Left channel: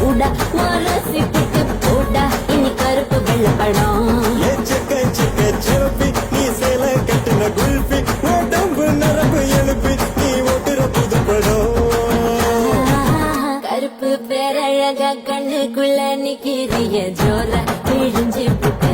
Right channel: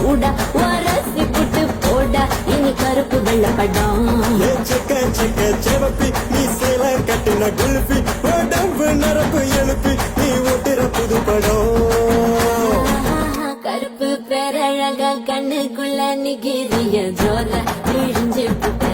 சூடா ரசித்துட்டு போடா இனி கருப்பு வெள்ளப்படம் நீ சேலம் கட்டின குருப்பி உடம்பு நரம்பு எழுப்பி நீ ஓட்டுற புதுப்படம் கருப்பு பேரழக கண்ணுக்குள்ள நிக்கிறிய ஜோல கிழிஞ்சு புட்ட